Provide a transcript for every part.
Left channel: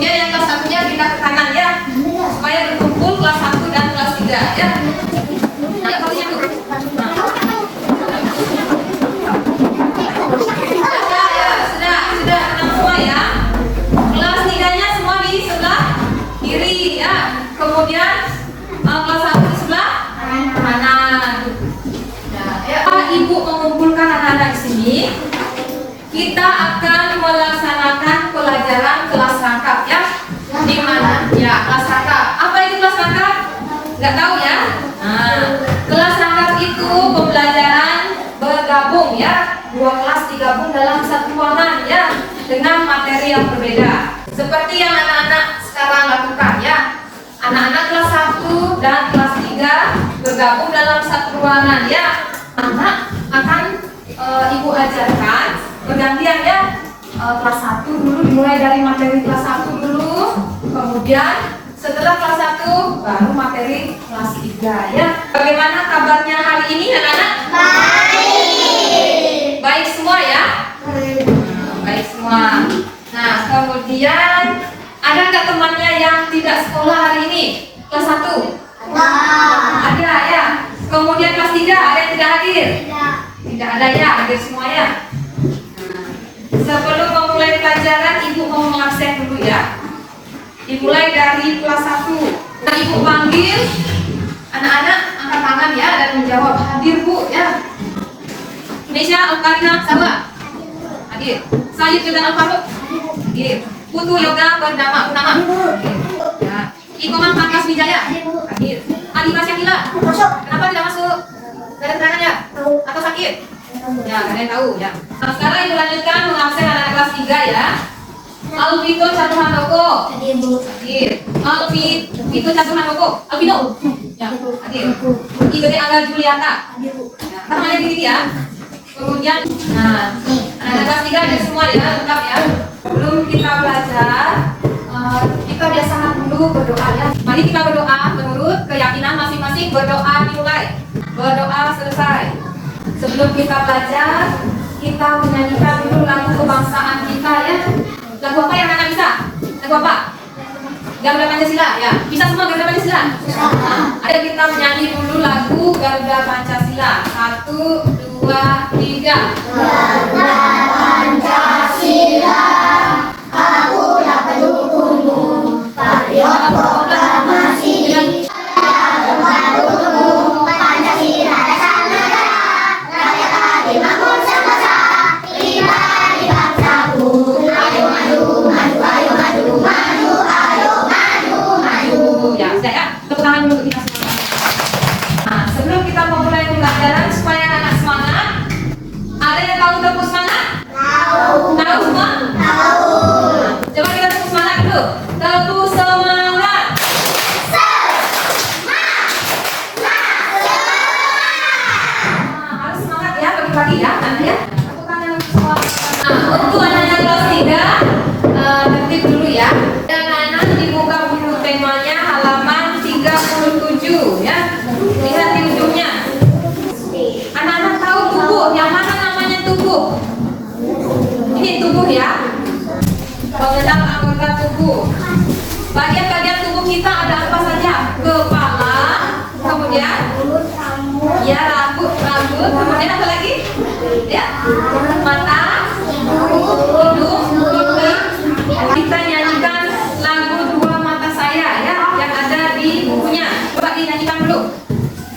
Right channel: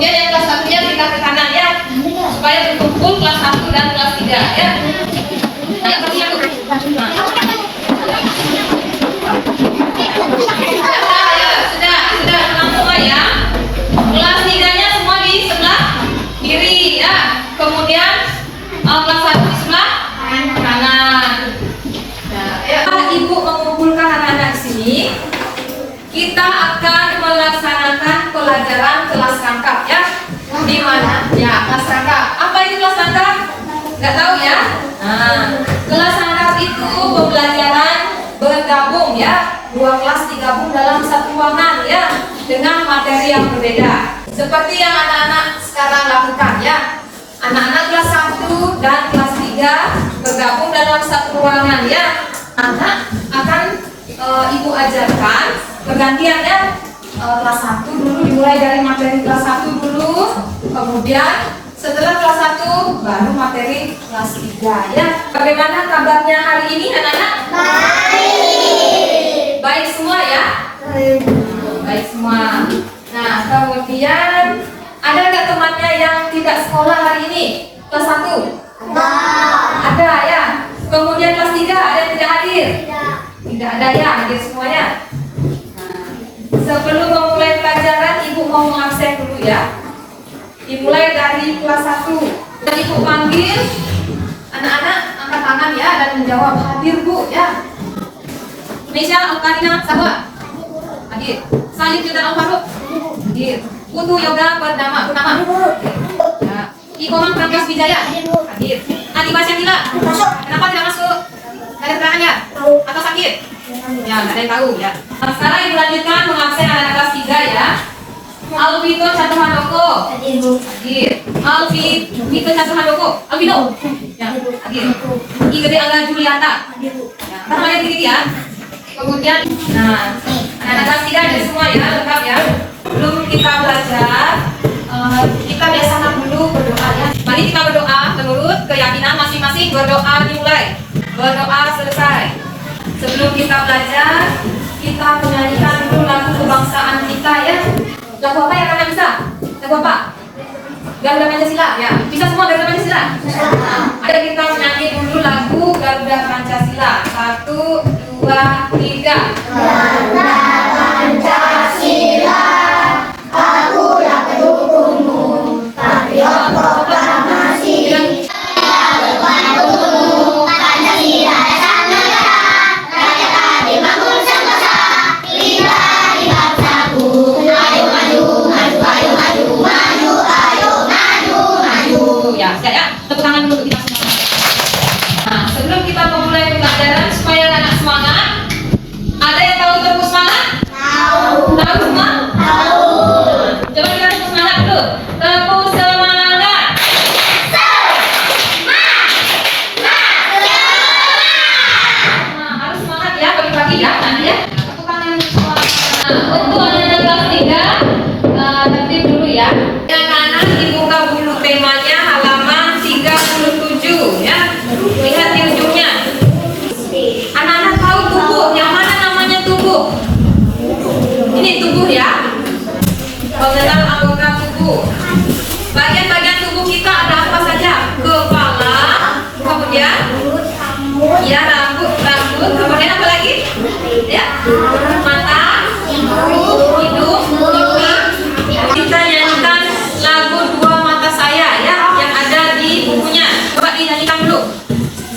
Kemudian yang kelas 1-nya pindah ke kanan ya, supaya berkumpul kelas 1 dan kelas 3 ya. Nah, kelasnya tuh. Sudah tenang semua ya. Kelas 3-nya semua di sebelah kiri ya. Kemudian kelas 1 di sebelah kanan. Nah, Ibu mengumpulkan anak-anak di sini. Kita akan melaksanakan pelajaran kelas kakap ya. Di mana? Ya, kelas kakap. Apa itu kelas kakap? Nggak tahu ya? Nah, kelas kakap itu pembelajaran bergabung ya. Dua kelas digabung dalam satu ruangan ya, dengan materi yang berbeda. Seperti yang anak-anak sekarang lakukan ya. Anak-anak kelas 1 dan kelas 3 bergabung dalam satu ruangan ya. Anak akan Ibu ajarkan bergantian ya. Kelas 1 dulu, dimulai dari materi kelas 1 dulu. Kemudian setelah kelas 1 baru materi kelas 3 ya. Bagaimana kabarnya hari ini anak-anak? Baik semua ya? Baik semua. Nah, kemudian ada nggak temannya yang tidak sekolah hari ini? Kelas 1? Ada ya. Kemudian kelas 3 ada yang tidak hadir? Tidak ada ya, hadir semuanya. Sebelum memulai pelajaran, Ibu mau mengabsen dulu ya. Dimulai dari kelas 1. Ibu panggil anak-anak, angkat tangan ya dan menjawab, hadir Bu ya. Nesya, Alkarina, Sabah hadir. Selanjutnya dan Alfaruk hadir. Putu Yoga bernama Punama ya. Ikoman Pangkas Wijaya hadir. Adi Basyakila, kenapa tidak masuk? Ada keterangan ya? Atau sakit? Ya, nggak ada yang tahu ya. Nah, sekarang Ibu lanjutkan mengabsen anak-anak kelas 3 ya. Alvito Catuhandoko hadir. Alvito Catuhandoko, Alvino ya, hadir. Igede Angga Juliata ya. Namanya gini ya. Kemudian, nah, anak-anak kelas 3 hadir semua ya, lengkap ya. Sebelum kita belajar, kita biasakan dulu berdoa ya. Mari kita berdoa menurut keyakinan masing-masing. Berdoa dimulai, berdoa selesai. Sebelum kita belajar, kita menyanyikan dulu lagu kebangsaan kita ya. Lagu apa yang Anda bisa? Lagu apa? Garuda Pancasila ya. Bisa semua Garuda Pancasila? Nah, ada kita menyanyi dulu lagu Garuda Pancasila. 1, 2, 3. Garuda Pancasila, aku dapat dukungmu. Patriot proklamasi. Ya, saya tepuk tangan dulu kita semua. Nah, sebelum kita memulai pembelajaran supaya anak semangat, ada yang tahu tepuk semangat? Tahu. Tahu semua? Tahu. Coba kita tepuk semangat dulu. Tepuk semangat. Nah, harus semangat ya pagi-pagi ya, anak ya. Tepuk tangan semua. Nah, untuk anak-anak kelas 3, tertib dulu ya. Yang anak dibuka dulu temanya halaman 37 ya. Lihat di ujungnya. Anak-anak tahu tubuh, yang mana namanya tubuh? Ini tubuh ya. Mengenal anggota tubuh. Bagian-bagian tubuh kita ada apa saja? Kepala, kemudian ya rambut, kemudian apa lagi? Ya, mata, hidung, pipi. Kita nyanyikan lagu Dua Mata Saya ya, yang ada di bukunya. Coba dinyanyikan dulu.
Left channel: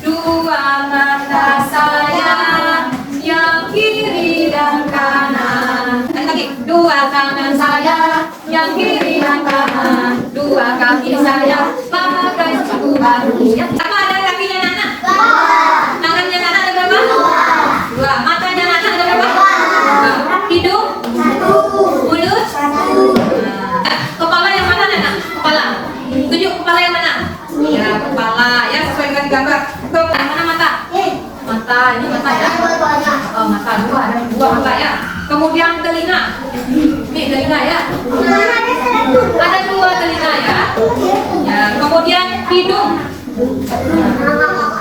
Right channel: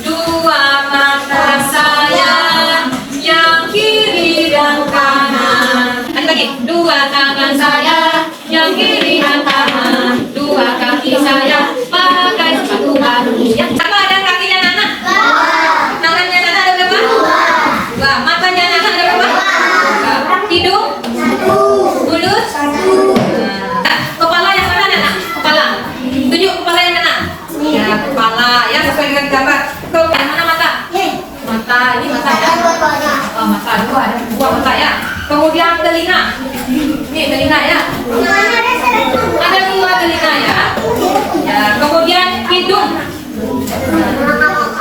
Dua mata saya, yang kiri dan kanan. Lagi. Dua tangan saya, yang kiri dan kanan. Dua kaki saya, pakai sepatu baru. Ya, apa ada kakinya Nana? Tangannya Nana ada berapa? Dua. Matanya Nana ada berapa? Dua. Hidung? Mulut? Nah, kepala yang mana Nana? Kepala. Tunjuk kepala yang mana? Ya, kepala ya, sesuai dengan gambar. Yang mana mata? Mata, ini mata ya. Oh, mata dua, ada dua mata ya. Kemudian telinga. Ini telinga ya. Ada dua telinga ya. Ya, kemudian hidung.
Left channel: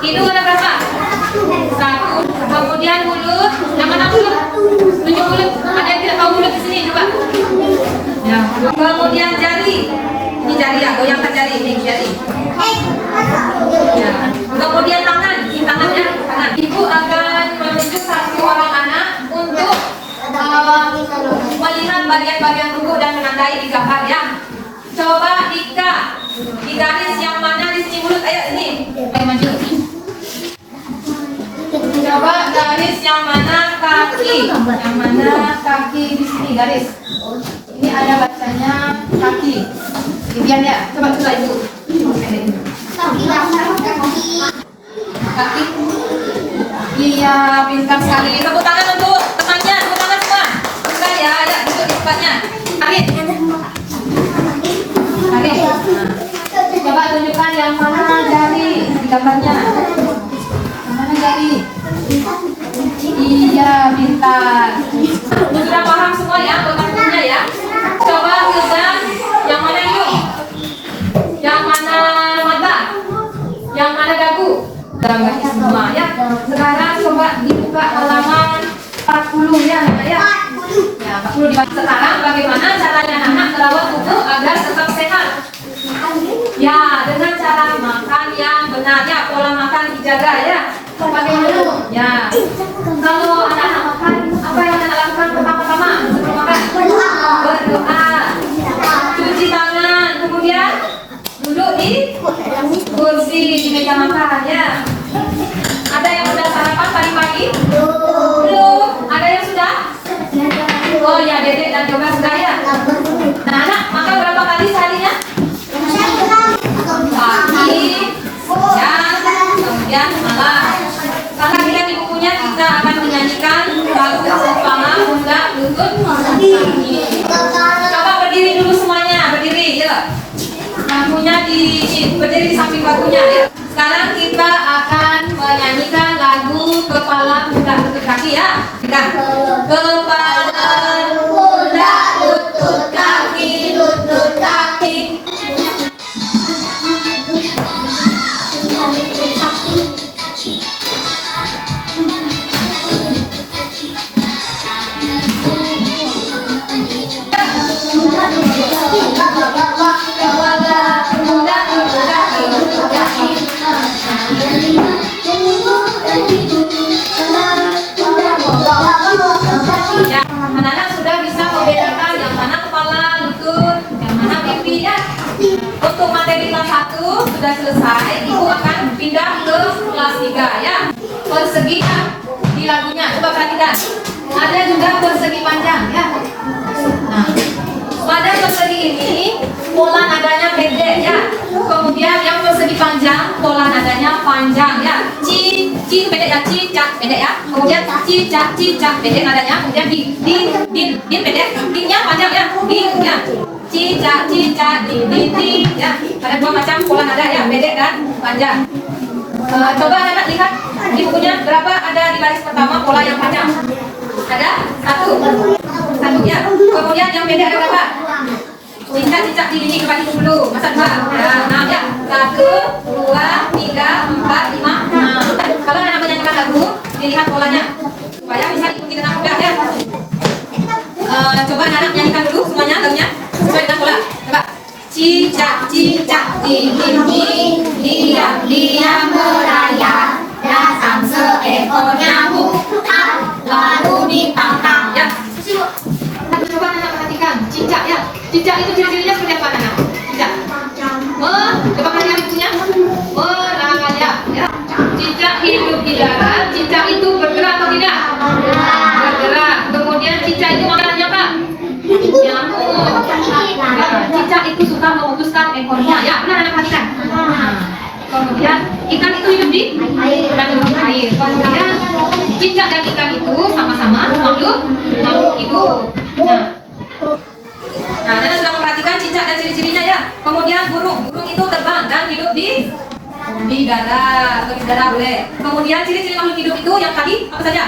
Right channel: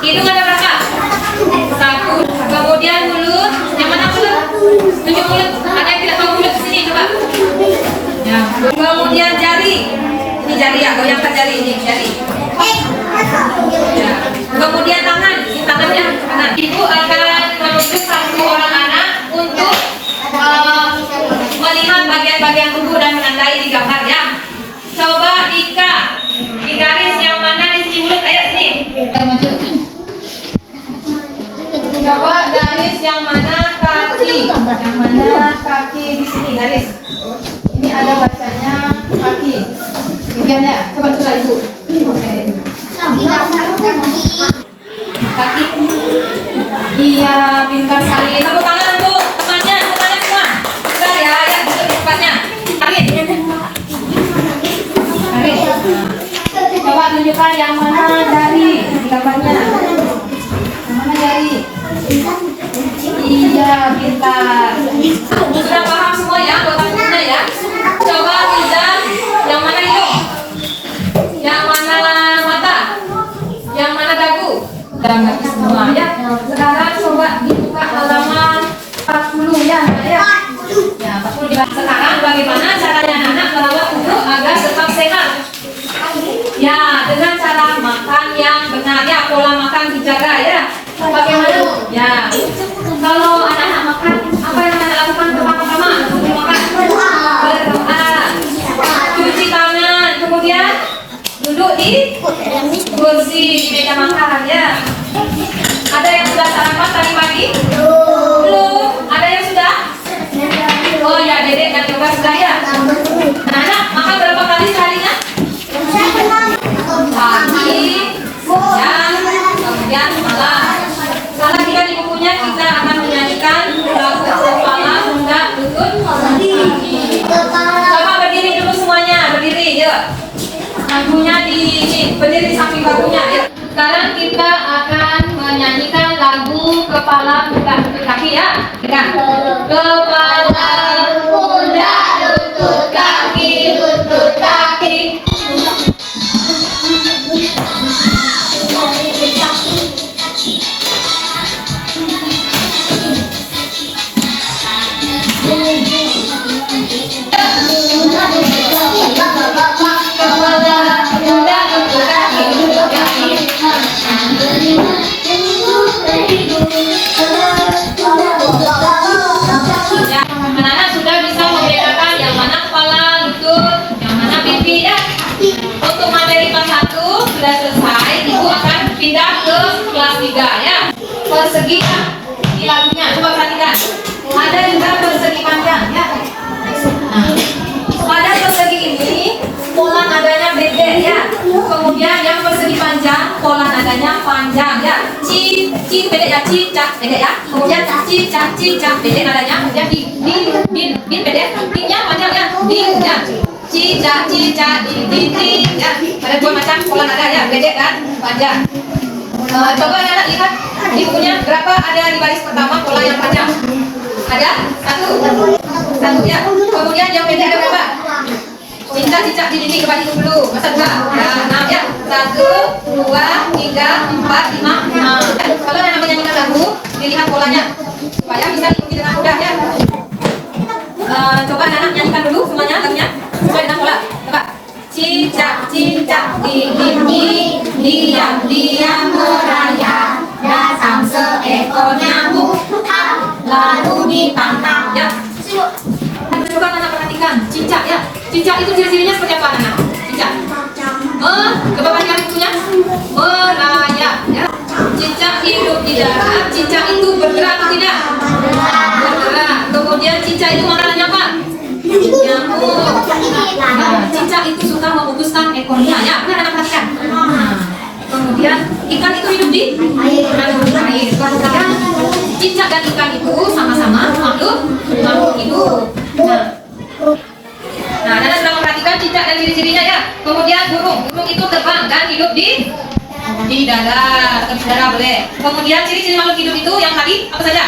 Hidung ada berapa? Satu. Kemudian mulut. Yang mana mulut? Tunjuk mulut. Ada yang tidak tahu mulut di sini coba. Ya. Kemudian jari. Ini jari ya, goyangkan jari ini jari. Ya. Kemudian tangan, ini tangannya kanan. Ibu akan menunjuk satu orang anak untuk melihat bagian-bagian tubuh dan menandai di gambar ya. Coba Ika, di garis yang mana di sini mulut, ayo sini. Coba garis yang mana kaki, yang mana kaki di sini garis. Ini ada bacanya kaki. Bagian ya, coba itu. Kaki. Iya, pintar sekali. Tepuk tangan untuk temannya, tepuk tangan semua. Sudah ya, ya duduk di tempatnya. Arin. Arin. Coba tunjukkan yang mana jari di gambarnya. Yang mana jari? Iya, pintar. Sudah paham semua ya, bagaimana ya? Coba Riza, yang mana hidung? Yang mana mata? Yang mana dagu? Udah ngerti semua ya. Sekarang coba dibuka halaman 40 ya, ya. Ya, 40 dibaca. Sekarang bagaimana caranya anak merawat tubuh agar tetap sehat? Ya, dengan cara makan yang benar ya, pola makan dijaga ya. Bagaimana? Ya, kalau anak-anak makan, apa yang anak lakukan pertama-tama sebelum makan? Berdoa, cuci tangan, kemudian duduk di kursi di meja makan ya. Ada yang sudah sarapan tadi pagi? Belum. Ada yang sudah? Oh ya, Dedek dan Yoga sudah ya. Anak-anak makan berapa kali seharinya? Pagi, siang, kemudian malam. Sekarang kita di bukunya kita akan menyanyikan lagu Kepala Pundak Lutut Kaki. Coba berdiri dulu semuanya, berdiri yuk. Lagunya berdiri di samping bahunya ya. Sekarang kita akan menyanyikan lagu Kepala Pundak Lutut Kaki ya. Dengar. Kepala pundak lutut kaki, lutut kaki. Ya, anak-anak sudah bisa membedakan yang mana kepala, lutut, yang mana pipi ya. Untuk materi kelas 1 sudah selesai, Ibu akan pindah ke kelas 3 ya. Persegi ya, di lagunya, coba perhatikan. Ada juga persegi panjang ya. Nah, pada persegi ini pola nadanya beda ya. Kemudian yang persegi panjang pola nadanya panjang ya. Ci beda ya, ci cak beda ya. Kemudian ci cak beda nadanya. Kemudian din beda, dinnya panjang ya. Din ya. Ci cak din ya. Ada dua macam pola nada ya, beda kan panjang. Coba anak lihat di bukunya berapa ada di baris pertama pola yang panjang. Ada satu ya. Kemudian yang beda ada berapa? Cicak di dinding kembali dulu. Masa dua? Nah, 6 ya. 1, 2, 3, 4, 5. Kalau yang namanya kita lagu, dilihat polanya supaya bisa diikuti dengan mudah ya. Coba anak nyanyikan dulu semuanya lagunya. Sesuai dengan pola. Coba. Cicak di dinding, diam merayap, datang seekor nyamuk, lalu ditangkap ya. Coba anak perhatikan cicak ya. Cicak itu ciri-cirinya seperti apa anak? Cicak. Coba perhatikan itunya. Merayap ya. Cicak hidup di darat. Cicak itu bergerak atau tidak? Bergerak. Kemudian cicak itu makanannya apa? Nyamuk. Nah, cicak itu suka memutuskan ekornya ya. Benar anak perhatikan. Kemudian ikan itu hidup di air. Kemudian cicak dan ikan itu sama-sama makhluk hidup. Nah, Nana sudah memperhatikan cicak dan ciri-cirinya ya. Kemudian burung itu terbang dan hidup di darat, atau di udara boleh. Kemudian ciri-ciri makhluk hidup itu yang tadi apa saja?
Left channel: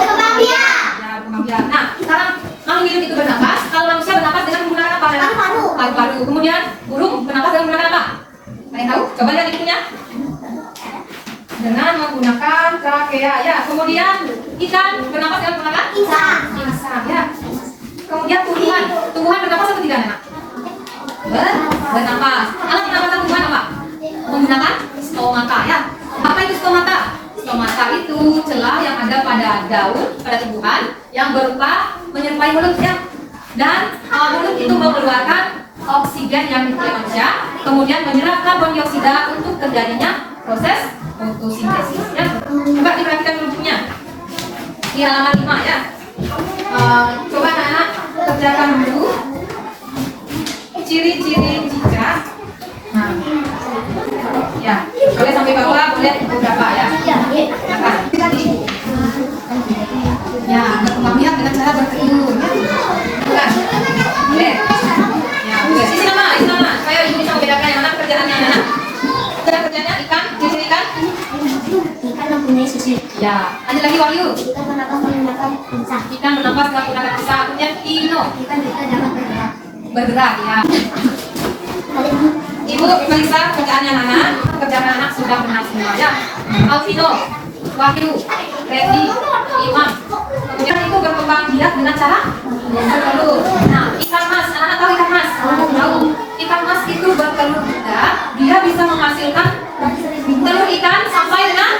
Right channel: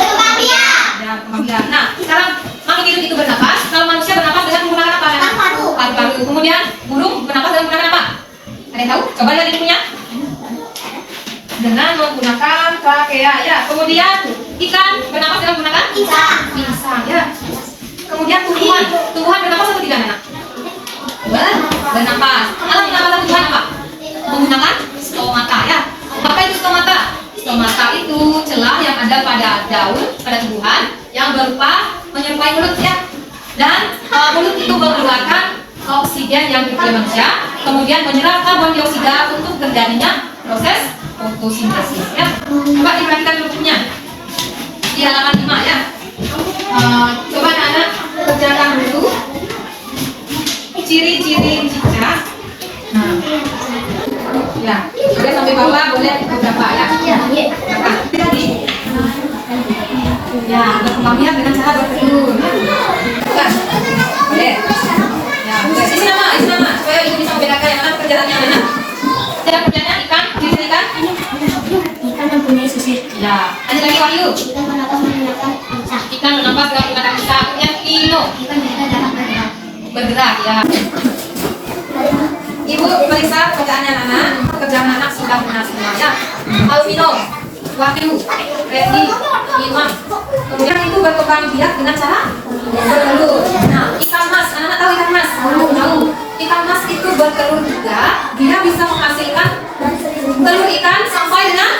Kemambian. Nah, sekarang makhluk hidup itu bernapas. Kalau manusia bernapas dengan menggunakan apa? Paru-paru. Kemudian burung bernapas dengan menggunakan apa? Ada yang tahu? Coba lihat ibunya. Dengan menggunakan trachea ya. Kemudian ikan bernapas dengan menggunakan insang ya. Kemudian Kemudian tumbuhan. Tumbuhan bernapas atau tidak anak? Bernapas. Alat pernapasan tumbuhan apa? Menggunakan stomata ya. Apa itu stomata? Stomata itu celah yang ada pada daun, pada tumbuhan yang berupa menyerupai mulut ya. Dan mulut itu mengeluarkan oksigen yang diperoleh manusia, kemudian menyerap karbon dioksida untuk terjadinya proses fotosintesis ya. Coba diperhatikan rumusnya di halaman 5 ya. Coba anak-anak kerjakan dulu ciri-ciri cicak. Nah, ya, boleh sampai bawah, boleh beberapa ya. Nah, tadi ya, berkembang biak dengan cara bertelur. Bukan? Boleh. Ya, boleh. Isi nama, supaya ibu bisa membedakan mana pekerjaannya anak. Kerjanya ikan, ciri ikan. Ikan mempunyai susu. Ya, lanjut lagi Wahyu. Ikan bernapas menggunakan insang. Ikan bernapas dengan menggunakan insang. Kemudian Ino Ikan juga dapat bergerak. bergerak ya. Ibu periksa pekerjaannya anak. Pekerjaan anak sudah berhasil ya. Alvino, Wahyu, Reddy, Imam. Kemudian itu berkembang biak dengan cara bertelur. Nah, ikan mas, anak-anak tahu ikan mas? Tahu. Ikan mas itu bertelur juga. Dia bisa menghasilkan telur ikan sampai dengan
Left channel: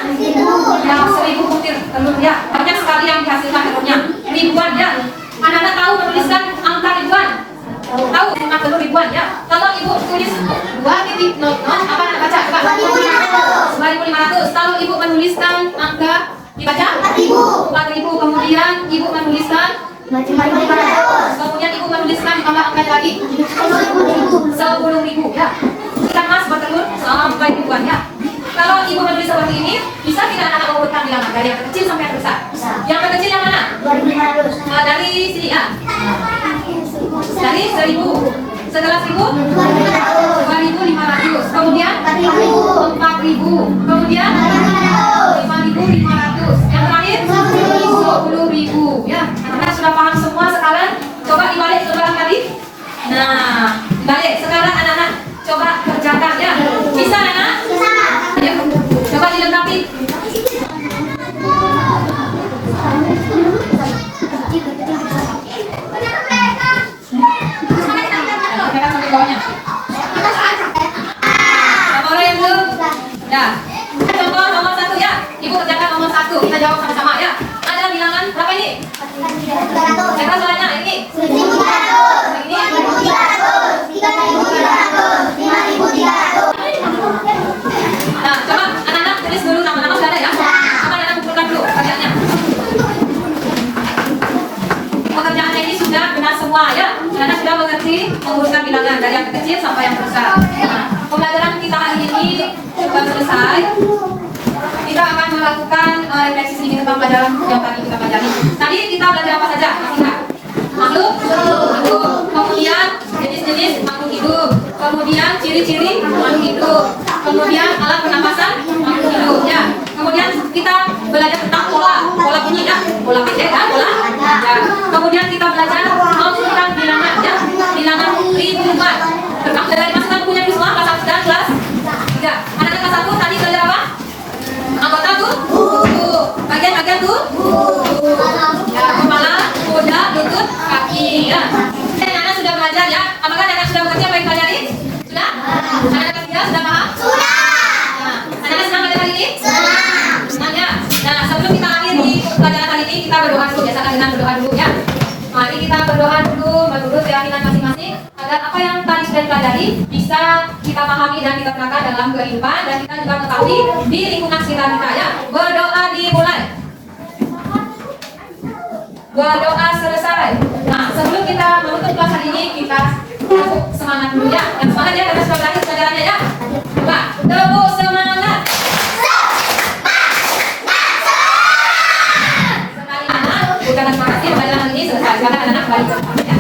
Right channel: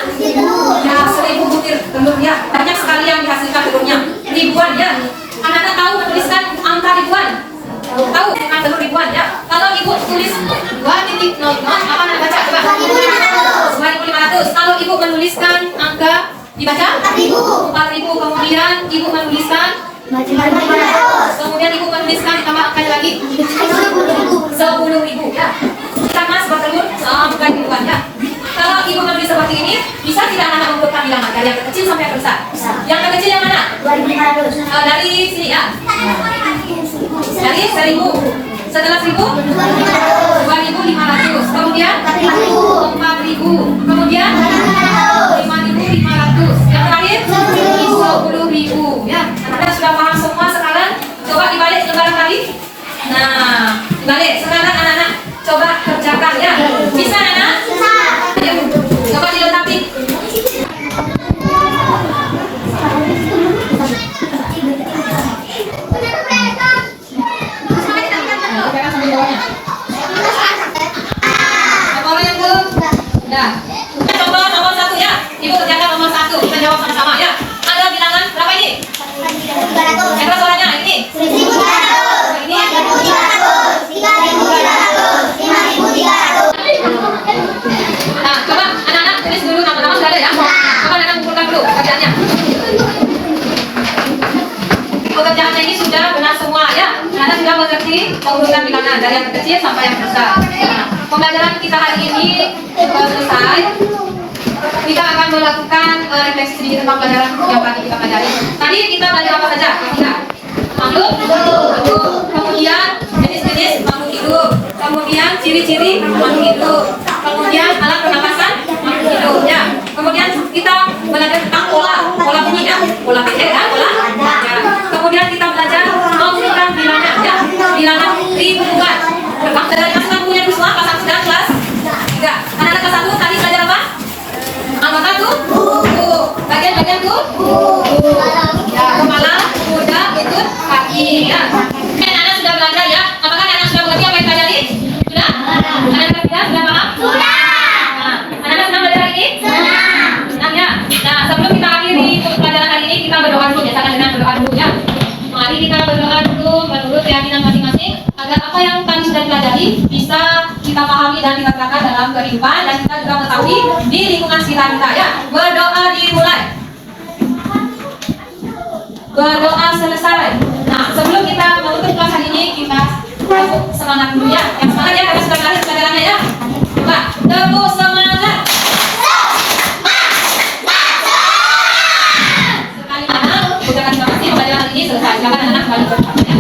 ya 1000 butir telur ya. Banyak sekali yang dihasilkan telurnya. Ribuan ya. Anak-anak tahu menuliskan angka ribuan? Tahu angka telur ribuan ya. Kalau ibu tulis 2.0 apa anak baca? Coba. 2.500. Kalau ibu menuliskan angka dibaca 4.000. Kemudian ibu menuliskan 500. kemudian ibu menuliskan tambah angkanya lagi 10.000 ya. Ikan mas bertelur bukan ribuan ya. Kalau ibu menulis seperti ini, bisa tidak anak mengurutkan bilangan dari yang kecil sampai yang besar? Yang terkecil yang mana? 2.500. Dari sini ya. Dari 1.000. Setelah 1.000, 2.500. Kemudian 4.000. Kemudian 5.500. Yang terakhir 10.000 ya. Anak sudah paham semua sekarang. Coba dibalik lembaran tadi. Nah, dibalik. Sekarang anak-anak coba kerjakan ya. Bisa anak-anak? Ayo, coba dilengkapi. Kerjakan sampai bawahnya. Nomor yang belum? Dah. Contoh nomor 1 ya. Ibu kerjakan nomor 1. Kita jawab sama-sama ya. Ada bilangan berapa ini? 300. Coba soalnya ini. 1.300. Ini. 2.300. 3.300. 5.300. Nah, coba anak-anak tulis dulu nama-nama sudah ada ya. Coba anak-anak kumpulkan dulu pekerjaannya. Pekerjaannya ini sudah benar semua ya. Anak sudah mengerti mengurutan bilangan dari yang kecil sampai yang besar. Pembelajaran kita hari ini sudah selesai. Kita akan melakukan refleksi sedikit tentang pelajaran yang tadi kita pelajari. Tadi kita belajar apa saja? Makhluk hidup. Kemudian jenis-jenis makhluk hidup. Kemudian ciri-ciri makhluk hidup. Kemudian alat pernapasan makhluk hidup ya. Kemudian kita belajar tentang pola bunyi ya. Pola BC ya, pola. Ya. Kemudian kita belajar mengumpulkan bilangan ya. Bilangan ribuan. Dari masukan punya semua kelas 1 dan kelas 3. Anak-anak kelas 1 tadi belajar apa? Anggota tuh? Bagian-bagian tuh? Ya, kepala, kuda, lutut, kaki ya. Dan anak sudah belajar ya. Apakah anak sudah mengerti apa yang pelajari? Sudah? Anak-anak kelas 3 sudah paham? Sudah. Nah, anak-anak senang belajar hari ini? Senang ya. Nah, sebelum kita akhiri pelajaran hari ini, kita berdoa dulu. Biasakan dengan berdoa dulu ya. Mari kita berdoa dulu menurut keyakinan masing-masing agar apa yang tadi sudah dipelajari bisa kita pahami dan kita terapkan dalam kehidupan dan kita juga mengetahui di lingkungan sekitar kita ya. Berdoa dimulai. Berdoa selesai. Nah, sebelum kita menutup kelas hari ini, kita semangat dulu ya. Yang semangat ya, karena sudah belajar pelajarannya ya. Coba, tepuk semangat. Sekali anak, ucapkan terima kasih pelajaran hari ini selesai. Silakan anak balik ke tempatnya.